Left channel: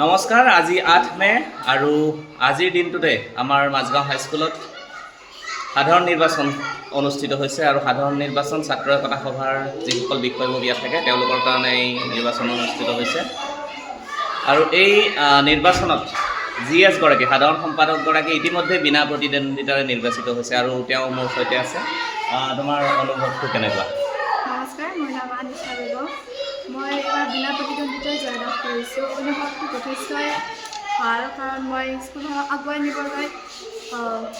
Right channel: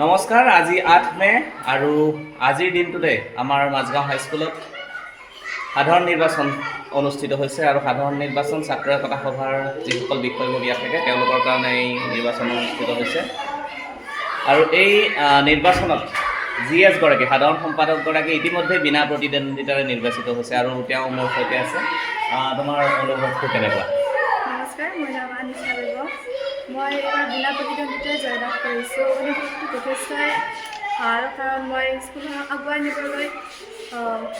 নমস্কাৰ, আজি ৮ মে আৰু আজিৰ দিনটোতে আমাৰ মাজগাঁও হাইস্কুলত সাধাৰণ নিৰ্বাচন অনুষ্ঠিত হৈছে আৰু সাধাৰণ নিৰ্বাচন ছাত্ৰ একতা সভাৰ যিসকল বিষয়ববীয়া থাকে তেওঁলোকৰ কাৰণে এই নিৰ্বাচন অনুষ্ঠিত হৈছে আৰু এই নিৰ্বাচনত GS গৰাকী সাধাৰণ সম্পাদকগৰাকী ইতিমধ্যে বিনা প্ৰতিদ্বন্দ্বিতাৰে নিৰ্বাচিত হৈছে আৰু তেওঁ মোৰ সৈতে আছে। তোমাৰ অনুভৱটো কেনেকুৱা? নমস্কাৰ, মোৰ নাম আনিছা বেগম। মই এইবাৰ বিনা প্ৰতিদ্বন্দ্বিতাৰে জয়লাভ কৰিছোঁ। অনুভৱটো যথেষ্টই ভাল, কাৰণ মই স্কুলখনক আগুৱাই নিবলৈ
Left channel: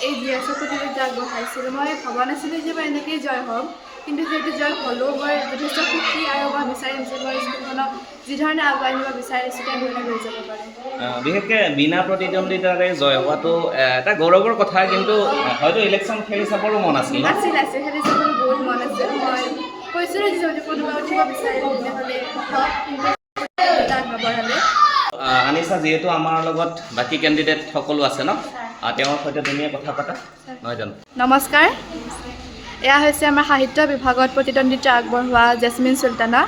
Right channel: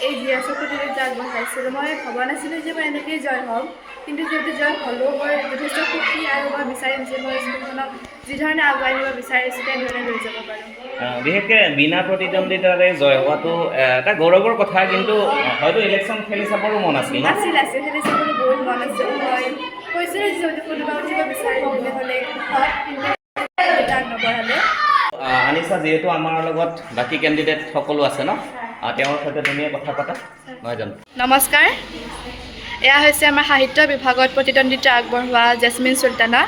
এই GS প্ৰতিযোগিতা আগবঢ়াইছিলোঁ। মই ভবা নাছিলোঁ যে মই এনেকৈয়ে জয় হ'ম, কিন্তু যিহেতু জয় হ'লেও মই যথেষ্ট সুখী আৰু মই বিচাৰিম যে মই স্কুলখনক যিধৰণে আগুৱাই নিব বিচাৰিছোঁ তেনেধৰণে লৈ যাব পাৰোঁ। বিশেষকৈ বিনা প্ৰতিদ্বন্দ্বিতাৰে জয় হোৱাটো এটা গৌৰৱৰ কথা, কিন্তু হয়তো ইলেকশ্যন খেলি চাবৰো মন আছিল। আছিল খেলি চাবলৈ বহুত মন আছিল। মই কৈছিলোঁ যে কোনোবা উঠিব বিচাৰে তেতিয়াহ'লে হওক, কিন্তু নবঢ়ালে। আনিছা, যিহেতু আমাৰ লগত বাকী কেণ্ডিডেট সকলো আছে ন, তেওঁৰ সৈতে তুমিয়ে কথা পাতা, নহয় জানো? নমস্কাৰ, এয়া হৈছে আমাৰ সাহিত্য বিভাগত প্ৰতিদ্বন্দ্বিতা আগবঢ়োৱা জেচমিন চুলতানা।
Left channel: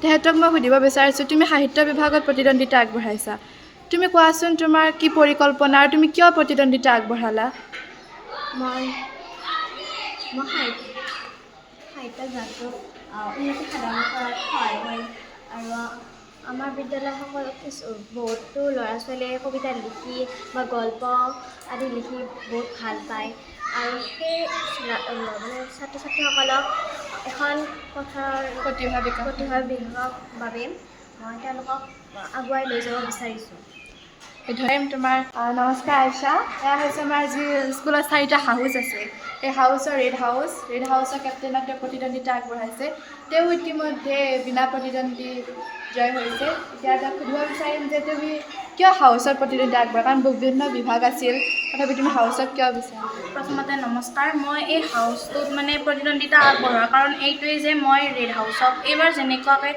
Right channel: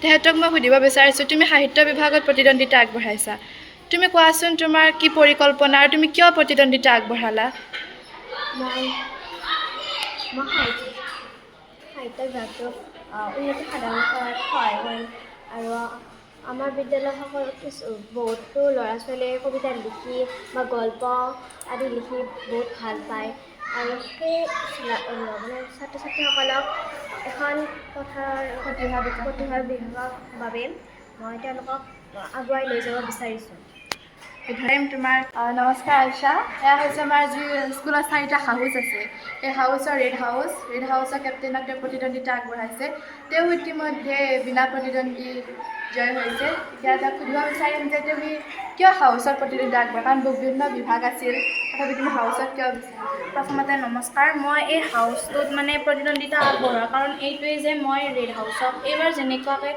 তেখেতক মই সুধিব বিচাৰিছোঁ, তুমি সাহিত্য বিভাগত প্ৰতিদ্বন্দ্বিতা আগবঢ়াইছা, তুমি কোৱাচোন তোমাৰ কি পৰিকল্পনা আৰু তুমি কিয় প্ৰতিদ্বন্দ্বিতা আগবঢ়ালা? মই সাহিত্য বিভাগটোক উন্নতি সাধন কৰাত সহায় কৰিম আৰু আমাৰ বিদ্যালয়সকল বহুতো ল'ৰা ছোৱালীয়ে কবিতা লিখি বা গল্প আদি লিখি বহুত ভাল পায় আৰু সেই মানে ছাত্ৰ ছাত্ৰীসকলক এখন প্ৰতিভা বিকাশৰ বাবে মই তেওঁলোকক আগুৱাই লৈ যাব বিচাৰিছোঁ। তোমাৰ নমস্কাৰ আইছা, এয়া হৈছে আমাৰ যি স্কুলত 4টা হাউচ আছে, এই হাউচৰ ৰেড হাউচৰ কেপ্টেইনক তেওঁ প্ৰতিদ্বন্দ্বিতা আগবঢ়াইছে। তেওঁ ইতিমধ্যে বিনা প্ৰতিদ্বন্দ্বী জয় হৈছে। এতিয়া তাক সুধিব বিচাৰিম যে তুমি কিয় হাউচত প্ৰতিদ্বন্দ্বিতা আগবঢ়া, কাৰণ বিভিন্ন বিভাগ আছিল, তথাপি তুমি হাউচত কিয় বিচাৰা? প্ৰথমতে নমস্কাৰ, মই এই হাউচটোত প্ৰতিদ্বন্দ্বিতা আগবঢ়োৱাৰ কাৰণ এইটোৱেই যে মই ৰেড হাউচক এইবাৰ যেনেকুৱাকৈ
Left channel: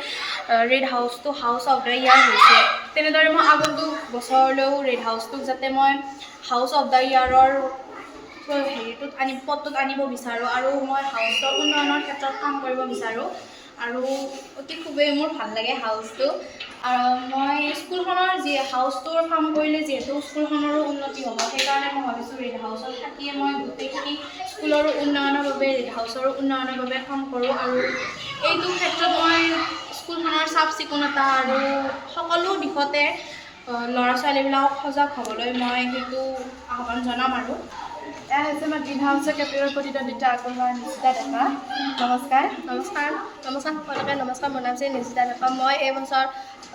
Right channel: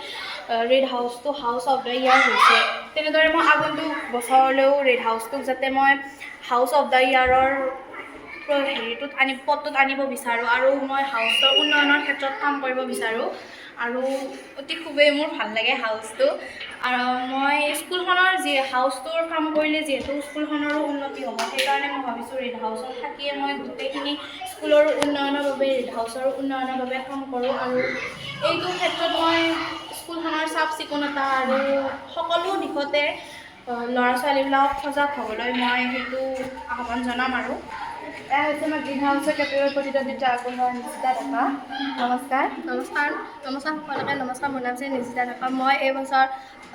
ৰেড হাউচটো হাউচ অফ দ্য ইয়াৰ হৈছে, তেনেদৰে মই আগন্তুক বছৰলৈও ৰেড হাউচটোক যাতে মই হাউচ অফ দ্য ইয়াৰৰ পদটোত আনিব বিচাৰোঁ আৰু মই হাউচৰ উন্নয়নৰ ক্ষেত্ৰত কাম কৰিব বিচাৰোঁ আৰু অতি খুবেই মোৰ ভাল লাগে হাউচটো। আৰু মই স্কুলখনৰ হাউচটোৰ কাম কৰিলে যিহেতু স্কুলখনৰো উন্নতি হ'ব, সেইকাৰণে মই ভাবিছোঁ ৰেড হাউচত থাকিয়ে মই গোটেইখিনি স্কুলৰো উন্নয়নৰ বাবে ৰেড হাউচৰো উন্নয়নৰ বাবে কাম কৰোঁ আৰু এইটো ক্ষেত্ৰত মই স্কুলখনৰ চাফ চিকুণতা আৰু সকলো দিশতে ল'ৰা ছোৱালীবিলাকক সজাগ হ'বলৈ মই সেইটো আহ্বান জনাম। আৰু এয়া হৈছে আমাৰ গ্ৰীণ হাউচৰ কেপ্টেইনৰ প্ৰতিদ্বন্দ্বিতা আগবঢ়োৱা নিশিতা ডেকা। নমস্কাৰ। সকলোকে নমস্কাৰ, মোৰ নাম শ্ৰী নিশিতা ডেকা। মই এইবছৰ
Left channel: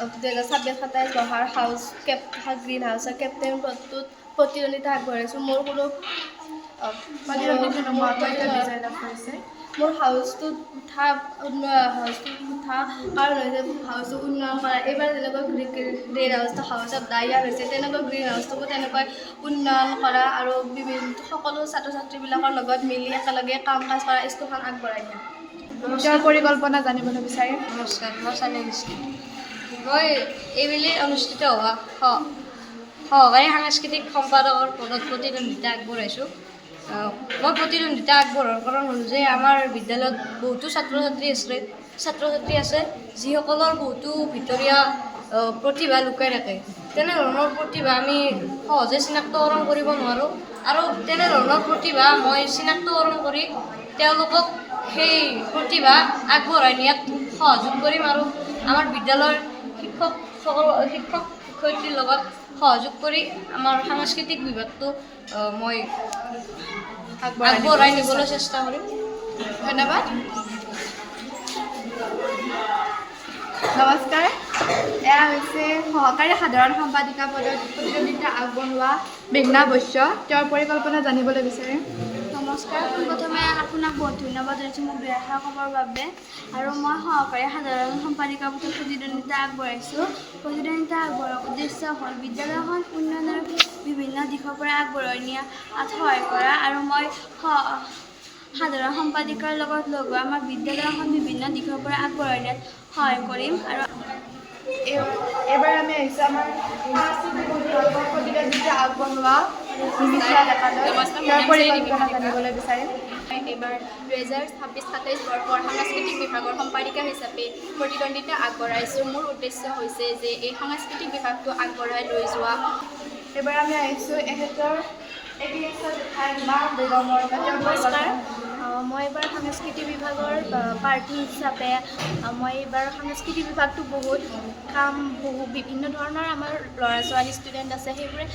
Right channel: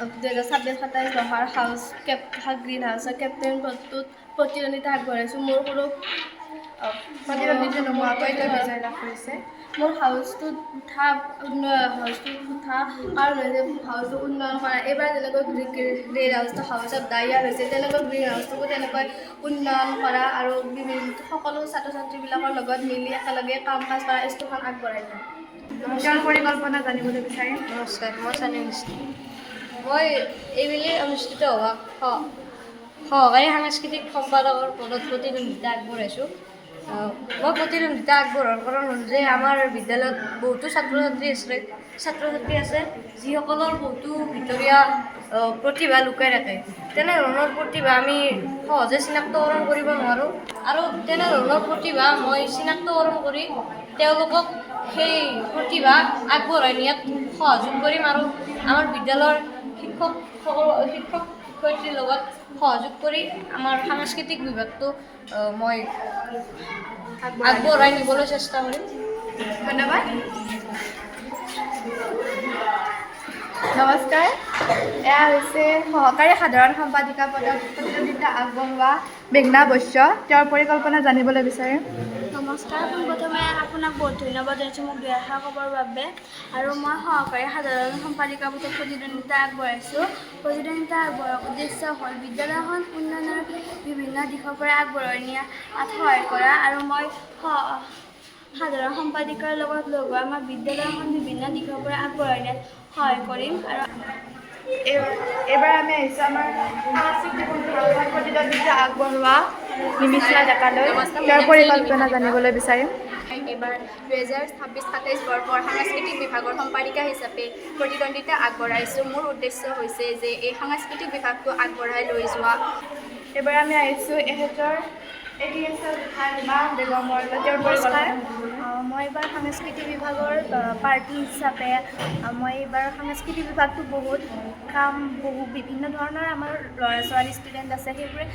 2026-27 বৰ্ষৰ গ্ৰীণ হাউচৰ কেপ্টেইন পদটোত প্ৰতিদ্বন্দ্বিতা আগবঢ়াইছোঁ। মোৰ কোনো মোৰ হাউচটোত উঠা কাৰণ হৈছে হাউচটো উন্নয়ন কৰা। এইবাৰ যেনেকৈ ৰেড হাউচটো হাউচ অফ দ্য ইয়াৰ হৈছে, তেনেকৈ গ্ৰীণ হাউচটোকো তেনেকৈ উন্নয়ন কৰা আৰু সকলো ছাত্ৰ ছাত্ৰীবিলাকৰ লগত মিলি একেলগে কাম কাজ কৰা স্কুলখন আগবঢ়াই নিয়া। তেওঁৰ পৰিকল্পনা জানিবলৈ বিচাৰিম। নমস্কাৰ, মই চানি নিশ্চিত। মই এইবেলি অনুষ্ঠিত হোৱা সহকাৰী সাংস্কৃতিক সম্পাদকৰ পদত প্ৰতিদ্বন্দ্বিতা আগবঢ়াইছোঁ। মই প্ৰতিদ্বন্দ্বিতা আগবঢ়োৱাৰ কাৰণ হ'ল যে আমাৰ বিদ্যালয়ত বহুতো ছাত্ৰ ছাত্ৰী আছে যিসকলৰ বহুতো ভিতৰীয়া প্ৰতিভা লুকাই থাকে। তেনেধৰণৰ প্ৰতিভা আমি সহজে চিনাক্তকৰণ কৰিব নোৱাৰোঁ আৰু তেনেধৰণৰ প্ৰতিভা মই চিনাক্তকৰণ কৰি তেওঁলোকক সেই প্ৰতিভা আগবঢ়াই নিয়াত সহযোগ কৰিম আৰু আমাৰ বিদ্যালয়ৰ শিক্ষক শিক্ষয়িত্ৰীৰ লগত সহযোগ কৰি আমাৰ সাংস্কৃতিক বিভাগটো মই আগবঢ়াই নিবলৈ চেষ্টা কৰিম। ধন্যবাদ। নমস্কাৰ, এয়া হৈছে সহকাৰী সাধাৰণ সম্পাদিকা পদত প্ৰতিদ্বন্দ্বিতা আগবঢ়োৱা মেঘনা বৈশ্য। তেওঁৰ পৰিকল্পনা জানিবলৈ বিচাৰিম। নমস্কাৰ, পোনপ্ৰথমে আপোনাক বহুত ধন্যবাদ জনাইছোঁ মোক দুআষাৰ ক'বৰ বাবে। আৰু মই সহকাৰী সাধাৰণ সম্পাদিকা পদত প্ৰতিদ্বন্দ্বিতা আগবঢ়াইছোঁ। প্ৰতিদ্বন্দ্বিতা আগবঢ়োৱাৰ উদ্দেশ্য হ'ল বিদ্যালয়খন উন্নয়নৰ বিভিন্ন দিশৰ পৰা আগবঢ়াই নিয়াত সহায় কৰা আৰু মই সাধাৰণ সম্পাদিকাৰ লগত লগ হৈ আমাৰ বিদ্যালয়খন বিভিন্ন দিশৰ পৰা আগবঢ়াই নিয়াত সহায় কৰিম। আৰু এইবাৰ আমি আহিছোঁ আমাৰ সাংস্কৃতিক বিভাগত প্ৰতিদ্বন্দ্বিতা আগবঢ়োৱা নিমিষা ডেকালৈ। তেওঁৰ পৰিকল্পনা জানিবলৈ বিচাৰিম। এইবাৰ 2026-27 বৰ্ষৰ সাংস্কৃতিক বিভাগৰ সম্পাদিকা হিচাপে প্ৰতিদ্বন্দ্বিতা আগবঢ়াইছোঁ। মোৰ উদ্দেশ্য হৈছে যে এই সাংস্কৃতিক বিভাগটো আগবঢ়াই লৈ যোৱা। এইবাৰ আমি আহিছোঁ এখেতৰ বেগমৰ নমস্কাৰ, মই এইবাৰ সাংস্কৃতিক বিভাগৰ প্ৰাৰ্থী হিচাপে মই এইবাৰ সাংস্কৃতিক বিভাগটো বহুত বিভিন্ন ধৰণৰ আমাৰ ল'ৰা ছোৱালী ষ্টুডেণ্ট আছে, সেইবোৰে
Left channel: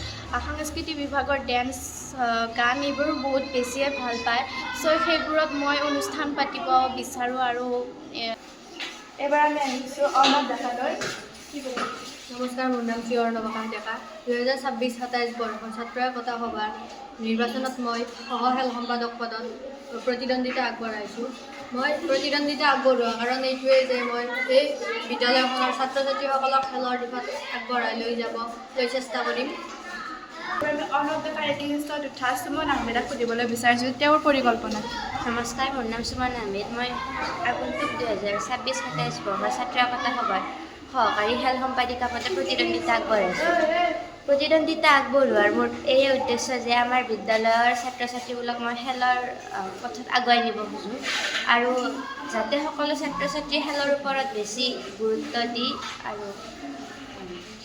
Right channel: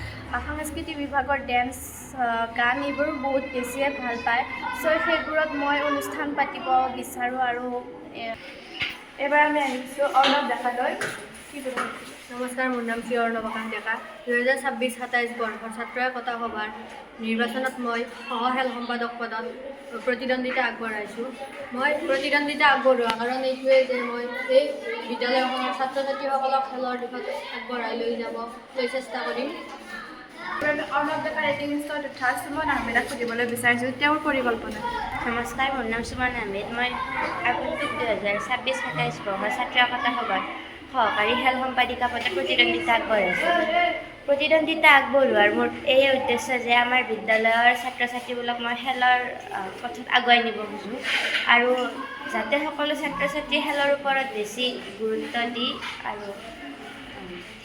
সাংস্কৃতিক বিভাগৰ ডেন্স গান এইবোৰ বহুত বেছিয়ে ভাল পায়। চ' সেইবোৰত মই অনুষ্ঠান পাতিব বিচাৰোঁ। আৰু এইবাৰ আমি আহিছোঁ অৰ্ণৱ ডেকালৈ। নমস্কাৰ, মোৰ নাম শ্ৰী অৰ্ণৱ আকাশ ডেকা। 2026-27 বৰ্ষৰ ছাত্ৰ একতা সভাৰ নিৰ্বাচনত মই সহ খেল সম্পাদক পদত প্ৰতিদ্বন্দ্বিতা আগবঢ়াইছোঁ। মই প্ৰতিদ্বন্দ্বিতা আগবঢ়োৱা কাৰণ এইটোৱেই যে মই এই বিদ্যালয়খনৰ ছাত্ৰ ছাত্ৰীসকলক খেলৰ দিশত আগবঢ়াই লৈ চেষ্টা কৰিম। অৰ্ণৱ ডেকাৰ এগেইনষ্টত উঠা সুমন আহমেদক সুধিবলৈ বিচাৰিছোঁ তেওঁৰ পৰিকল্পনা। নমস্কাৰ, মোৰ নাম সুমন আহমেদ। মই আগন্তুক 2026-27 বৰ্ষৰ ছাত্ৰ একতা সভাত সহকাৰী খেল সম্পাদিকা পদত প্ৰতিদ্বন্দ্বিতা আগবঢ়াইছোঁ। প্ৰতিদ্বন্দ্বিতা আগবঢ়োৱাৰ মোৰ এই উদ্দেশ্য যে আমাৰ বিদ্যালয়ৰ ছাত্ৰ ছাত্ৰীবোৰক মই খেলৰ পথত আগুৱাই নিব খোজোঁ আৰু যাতে সকলো ছাত্ৰ ছাত্ৰী খেলৰ ওপৰত বেছি গুৰুত্ব দি আৰু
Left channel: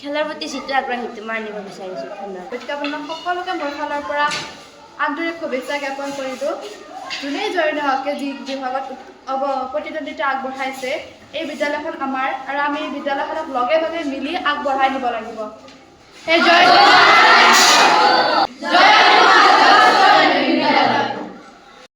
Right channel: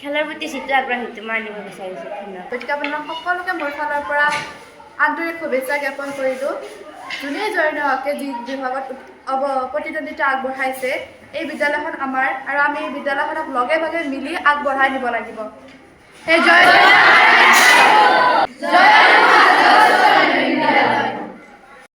খেলৰ প্ৰতি যিটো আগ্ৰহ সেইটো মই আনিব বিচাৰিছোঁ। ধন্যবাদ। গতিকে আপোনালোক সকলোকে মোৰ ফালৰ পৰা আন্তৰিক শুভেচ্ছা জ্ঞাপন কৰিলোঁ। যোনেই জয় নহওক যি বিভাগত প্ৰতিদ্বন্দ্বিতা আগবঢ়াইছে, এই বিদ্যালয়খন আমাৰ আৰু আমি এই বিদ্যালয়খনক লগে ভাগে মিলি আগবঢ়াই নিব লাগিব। এই জয়